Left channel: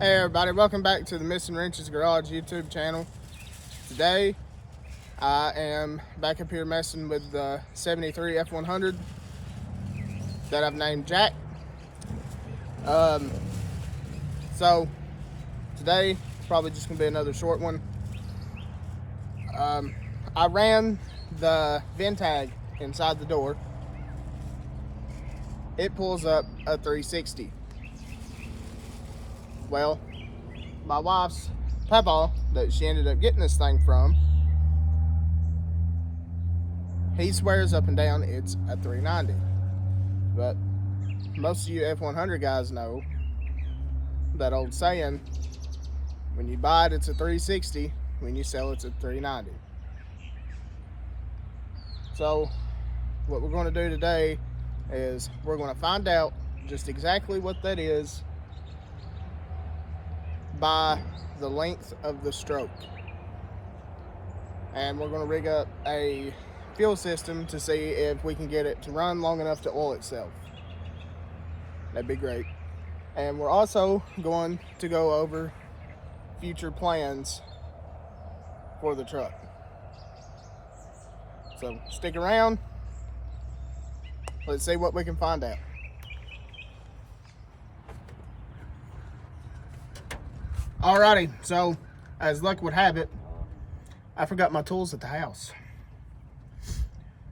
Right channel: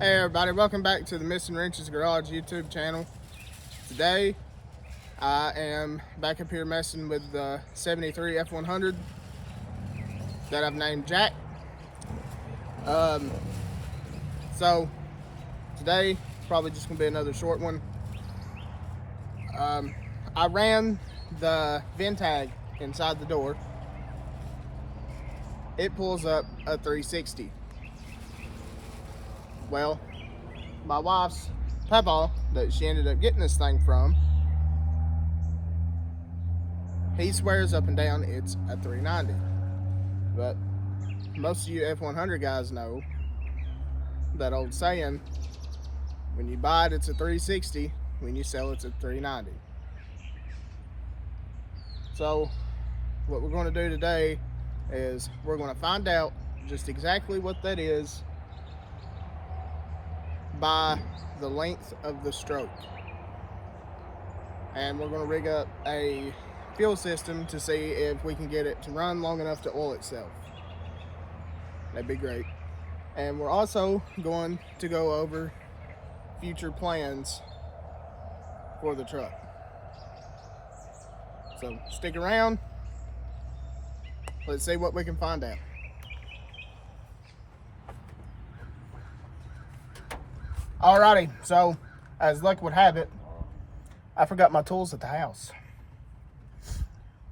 Hey everybody, welcome back to the Missing Wrenches Garage YouTube channel. Today I am back up here messing with the 73 F100 that I've named Jack. So today probably just gonna be another short one. I ran the VIN tag inside the door. It pulls up a 360. Well, my wife's papa that she ended up getting this thing from, he swears up and down it's a 390. But most of you F100 guys know that old saying, when you buy it it's a 360, when you sell it's a 390. So what we're going to do today is we're going to find out just exactly what that is by the length of the stroke, and we're going to rig up a fuel system to see if we can get it to run long enough to oil itself. That'd be great. And we're also going to go over future plans for the truck. So stick around, let's see what we can find out. Alrighty, so as luck would have it, I forgot my tools at the house.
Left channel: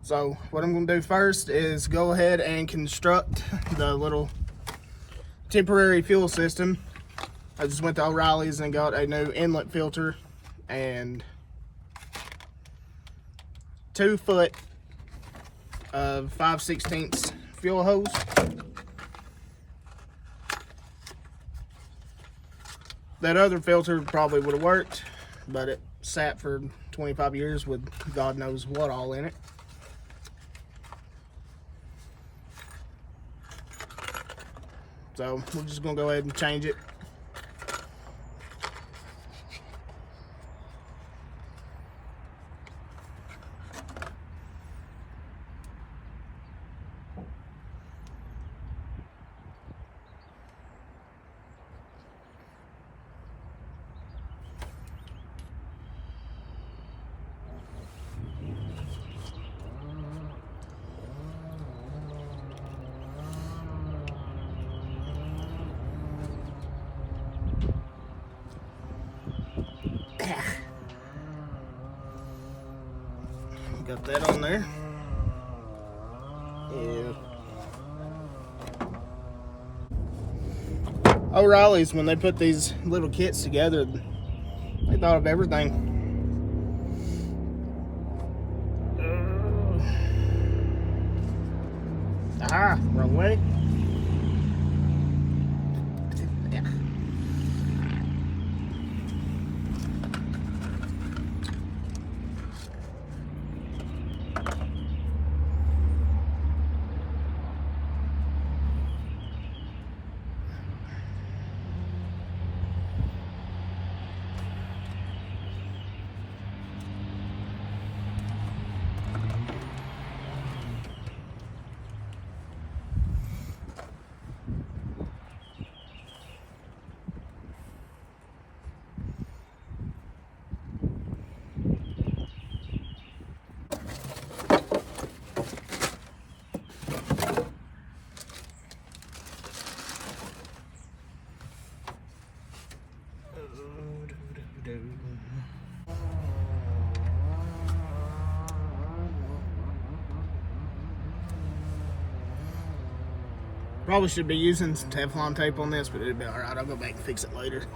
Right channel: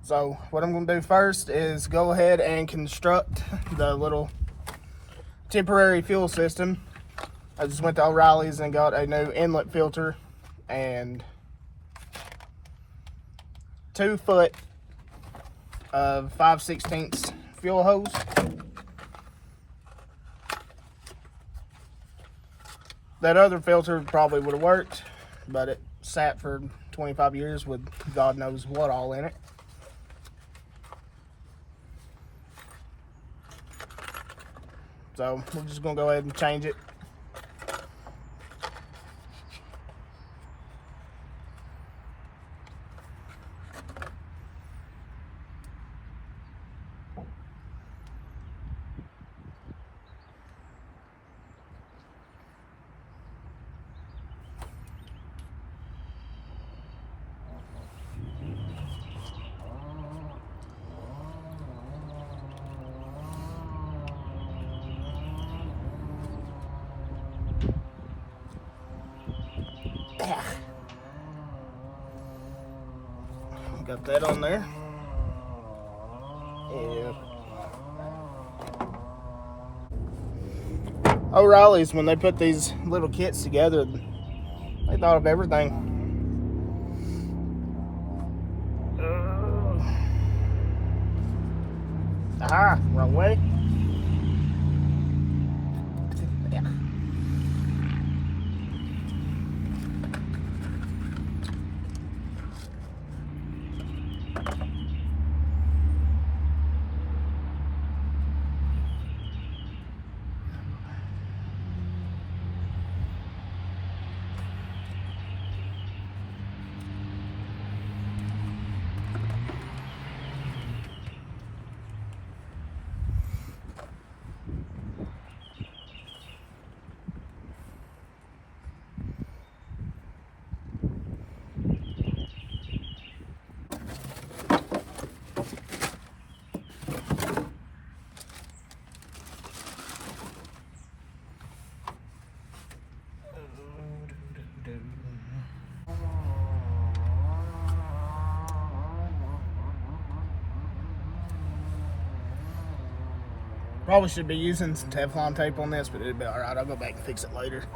So what I'm going to do first is go ahead and construct the little temporary fuel system. I just went to O'Reilly's and got a new inlet filter and 2 foot of 5/16 fuel hose. That other filter probably would have worked, but it sat for 25 years with God knows what all in it. So we're just gonna go ahead and change it. Got that on there. Yeah. O'Reilly's, when they put these little kits together, they thought of everything. Wrong way. Yeah. Probably should be using some Teflon tape on this, but it'll be alright. I'll go back and fix it later.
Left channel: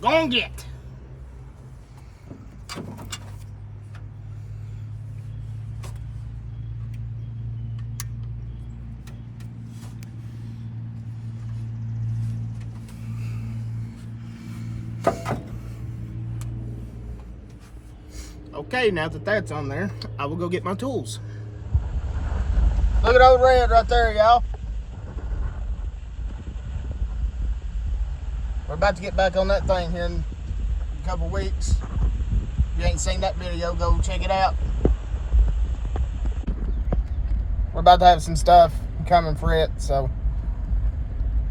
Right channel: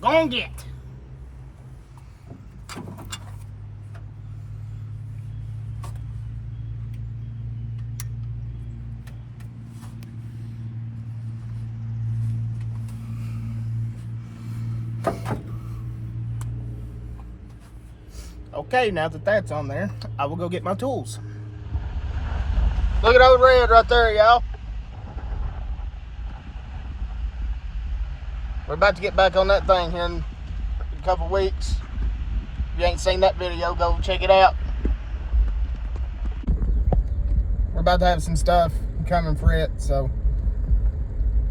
Go on, get. Okay, now that that's on there, I will go get my tools. Look at old Red right there, y'all. We're about to get back on that thing here in a couple weeks. If you ain't seen that video, go check it out. We're about to have some stuff coming for it, so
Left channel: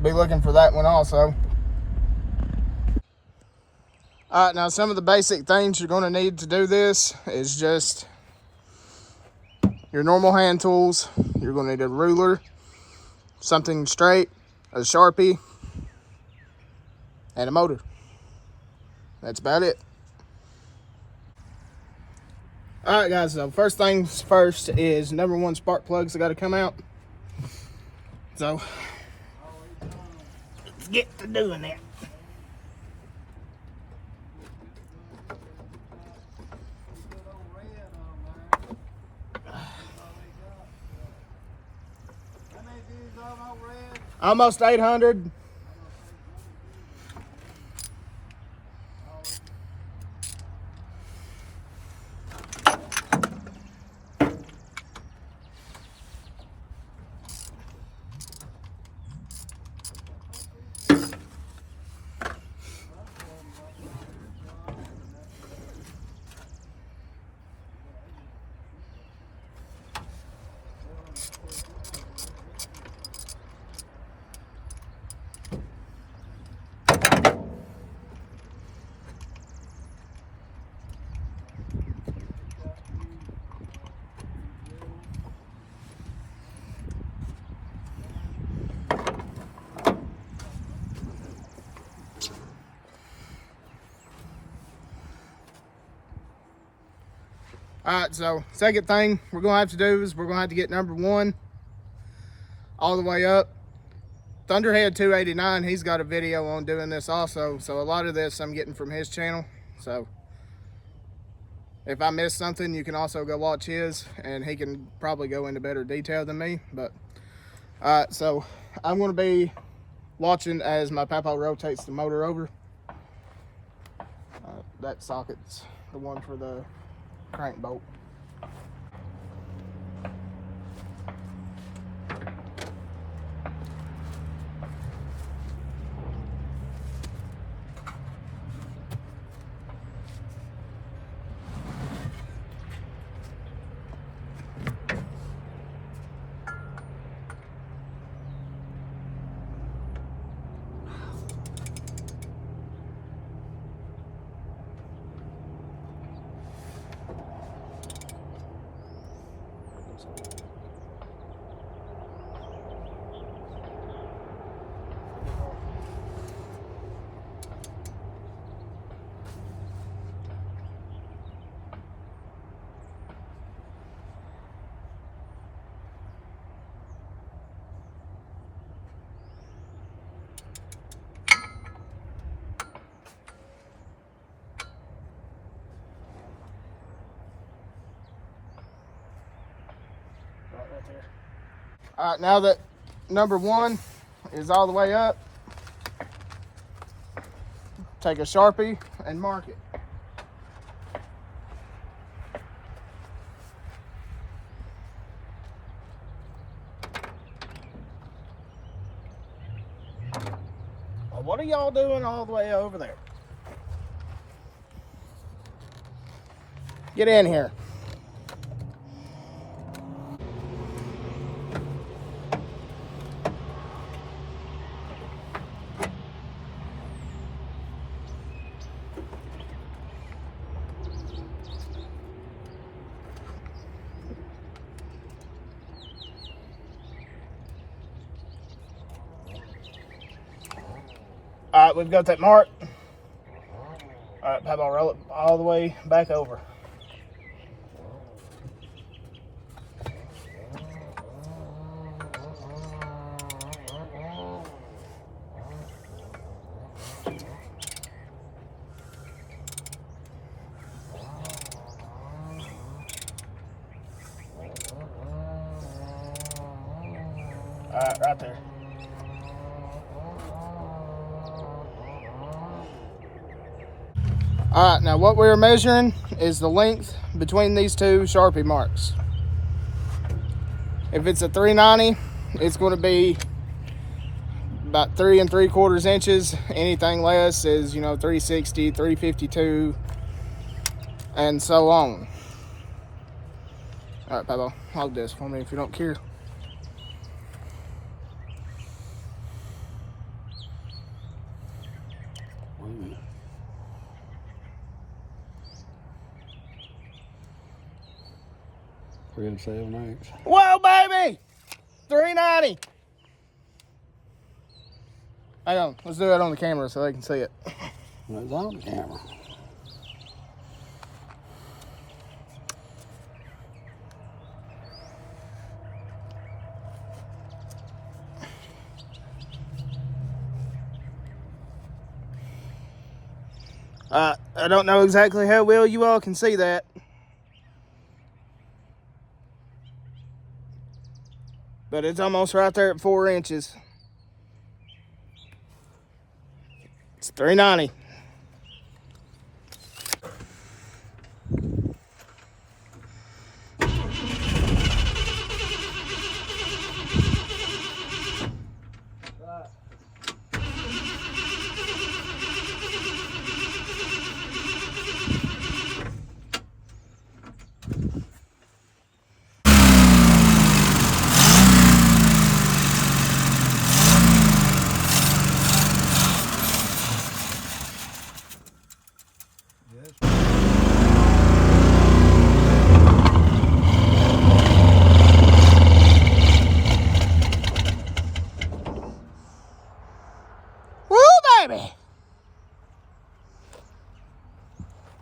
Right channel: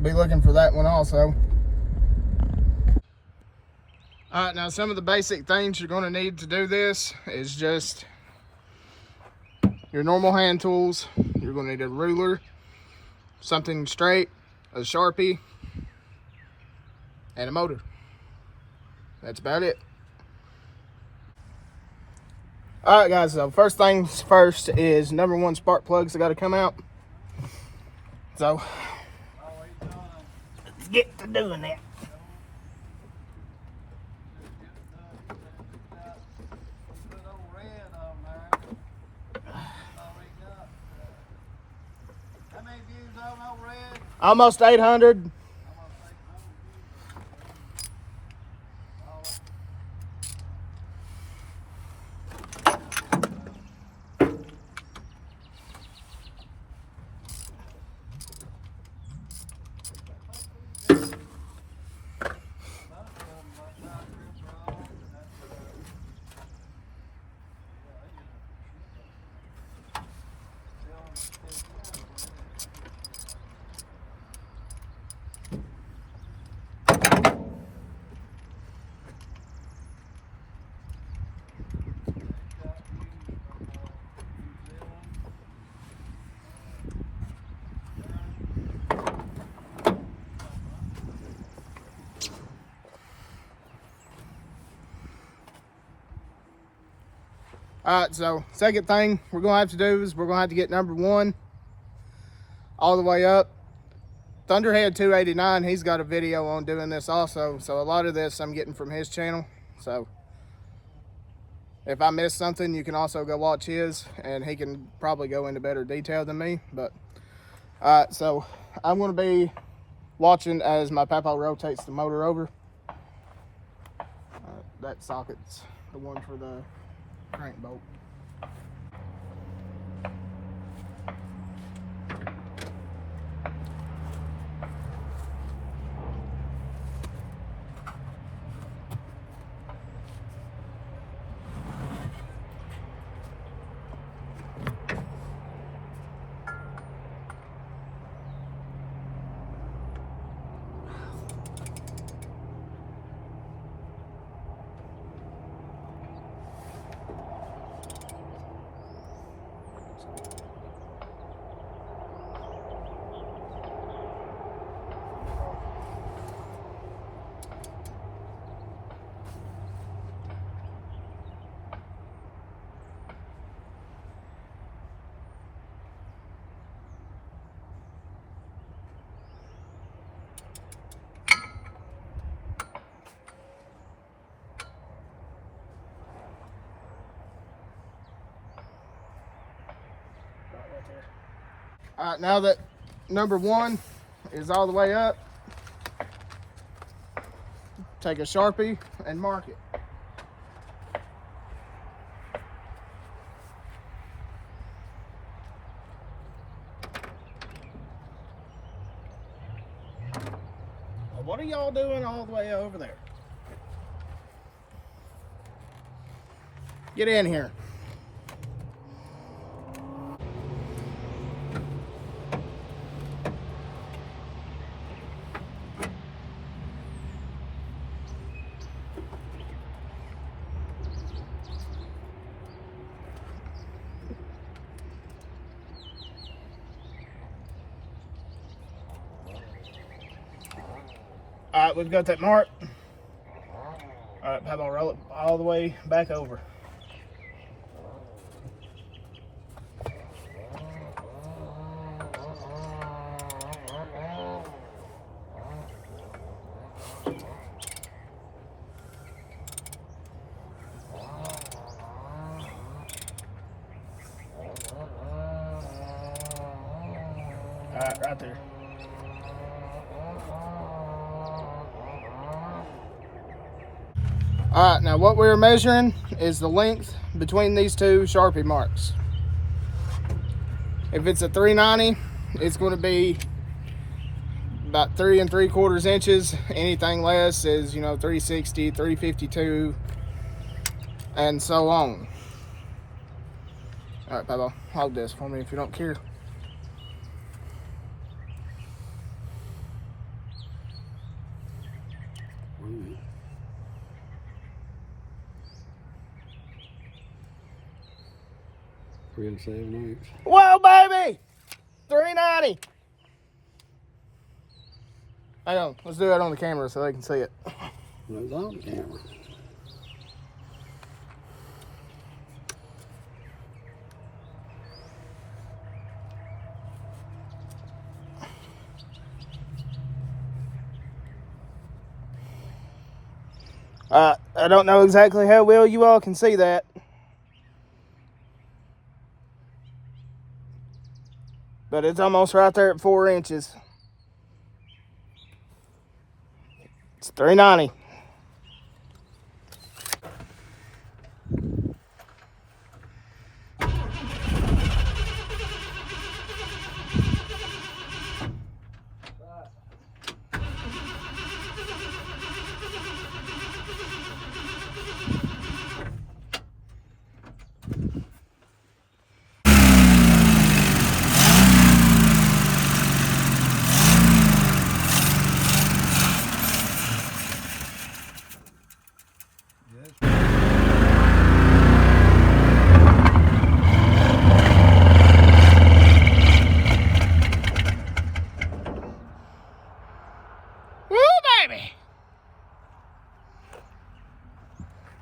be looking for that one also. Alright, now some of the basic things you're going to need to do this is just your normal hand tools. You're going to need a ruler, something straight, a Sharpie, and a motor. That's about it. Alright guys, so first things first is number one, spark plugs that got to come out. So, let's get to doing that. Almost 800. Alright, so second thing we're going to have to do is we're going to have to get number one all the way up. Thunderhead 289, he's got a video on doing this also. So a lot of this I'm getting from his channel. So if I miss something, you can also go watch his, and he can probably go into better detail than me. But alright, so I'm going to be watching as my papa rotates the motor over. That socket's the one for the crank bolt. Right there. All right, now that number one is all the way up, take a Sharpie and mark it. Well, what are y'all doing all the way over there? Get in here. All right, we've got that mark. All right, Papa, roll it all the way back over. Right there. Alright, now what we're measuring is the length between these two Sharpie marks. If it's a 390, it's going to be about 3 3/4 inches. Anything less is, 360, 352, and so on. Alright, Pablo, hold this for me if you don't care. Whoa, baby! 390. Hang on, let's do it on the camera so they can see it. It's on the camera. I don't know exactly how well you all can see that. But it's almost right there at 4 inches. It's 390. Baby,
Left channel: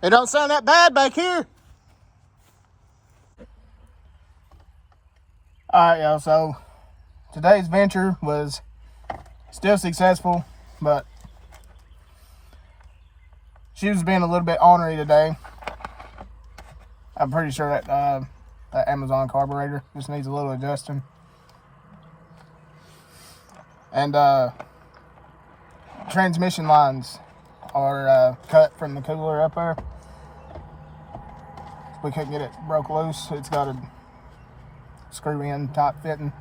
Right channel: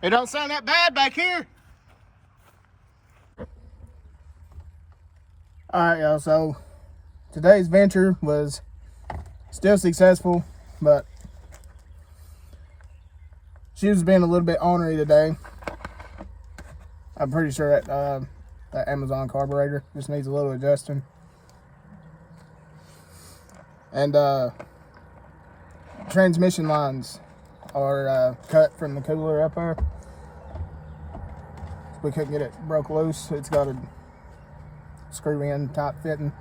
it don't sound that bad back here. Alright, y'all, so today's venture was still successful, but she was being a little bit ornery today. I'm pretty sure that that Amazon carburetor just needs a little adjusting. And transmission lines are cut from the cooler up there. We couldn't get it broke loose. It's got a screw in type fitting,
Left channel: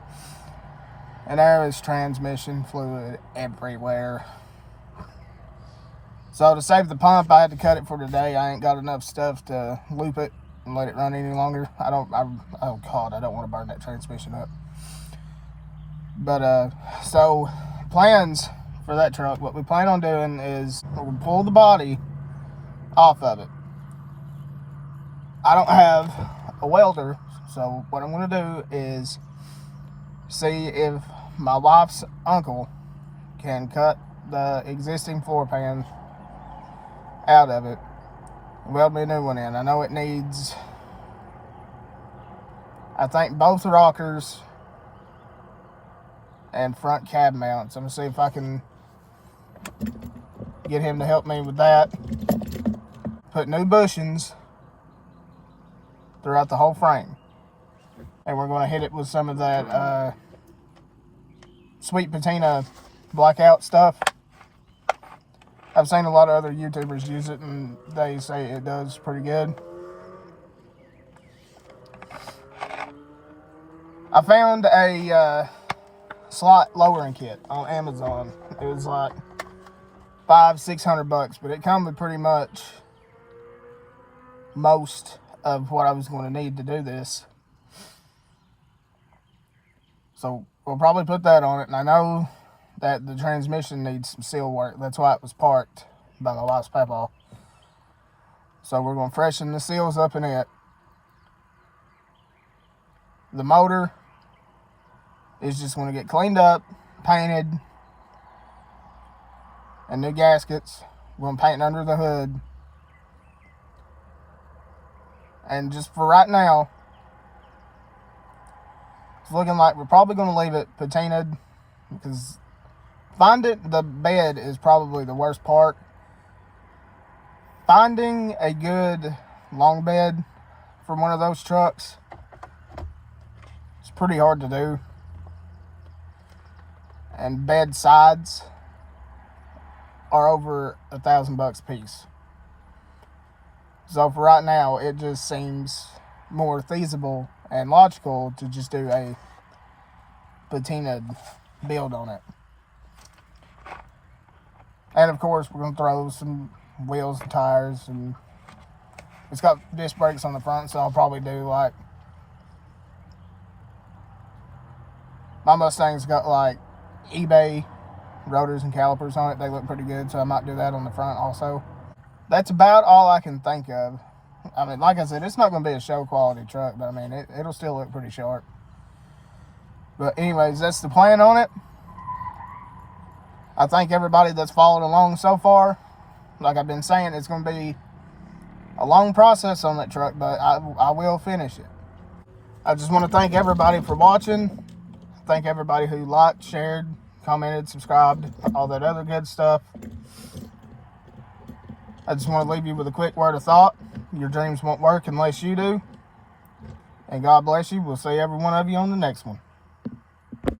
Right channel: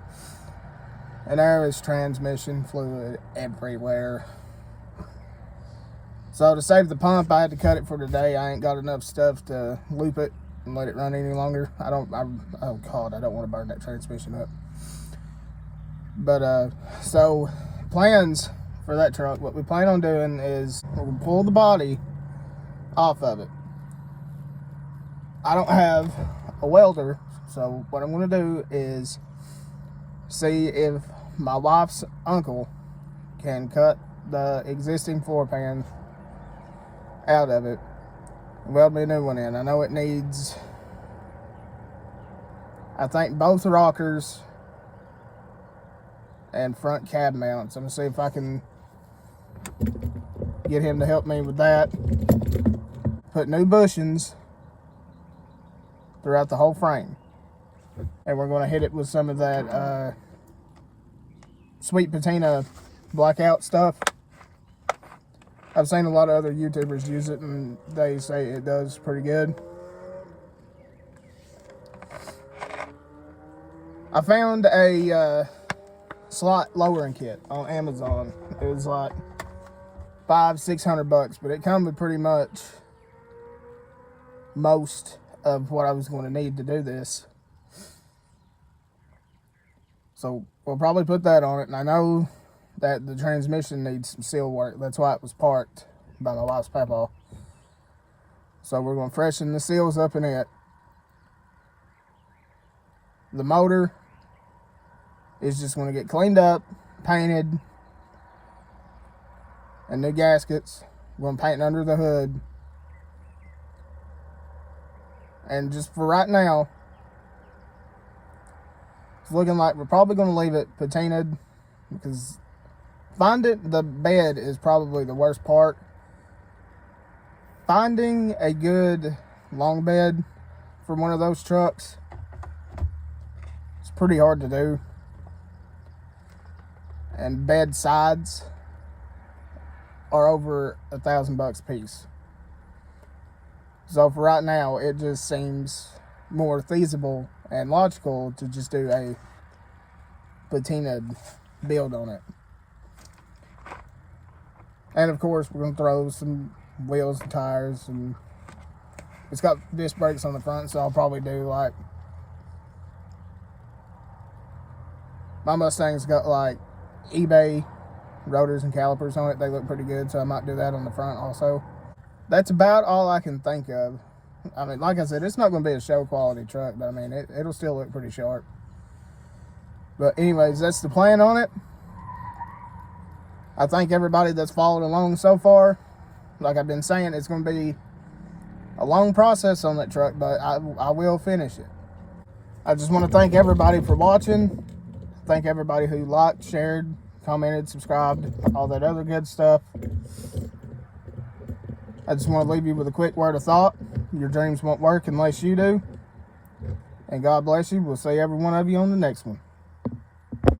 and there is transmission fluid everywhere. So to save the pump, I had to cut it for today. I ain't got enough stuff to loop it and let it run any longer. Oh God, I don't want to burn that transmission up. But so plans for that truck, what we plan on doing is we'll pull the body off of it. I don't have a welder, so what I'm going to do is see if my wife's uncle can cut the existing floor pan out of it, weld me a new one in. I know it needs, I think, both rockers and front cab mounts. I'm going to see if I can get him to help me with that. Put new bushings throughout the whole frame. And we're going to hit it with some of that sweet patina blackout stuff. I've seen a lot of other YouTubers use it and they say it does pretty good. I found a slot lowering kit on Amazon. It was like $500-600, but it comes with pretty much most of what I was going to need to do this. So we'll probably put that on it, and I know that the transmission needs some seal work. That's why it was parked by my wife's papa. So we're going to freshen the seals up in it. The motor is just going to get cleaned up, painted, and new gaskets. We're going to paint under the hood. And just for right now, it's looking like we're probably going to leave it patinaed, because finding the bed is probably the worst part. Finding a good long bed for one of those trucks, it's pretty hard to do. and bed sides are over $1,000 a piece. So for right now, it just seems more feasible and logical to just do a patinaed build on it. And of course, we're gonna throw some wheels and tires, and it's got disc brakes on the front, so I'll probably do like, my Mustang's got like eBay rotors and calipers on it. They look pretty good, so I might do that on the front also. That's about all I can think of. I mean, like I said, it's not going to be a show quality truck, but I mean, it'll still look pretty sharp. But anyways, that's the plan on it. I thank everybody that's followed along so far. Like I've been saying, it's going to be a long process on that truck, but I will finish it. I just want to thank everybody for watching. Thank everybody who liked, shared, commented, subscribed, all that other good stuff. I just want to leave you with a quick word of thought. Your dreams won't work unless you do. And God bless you. We'll see every one of you on the next one.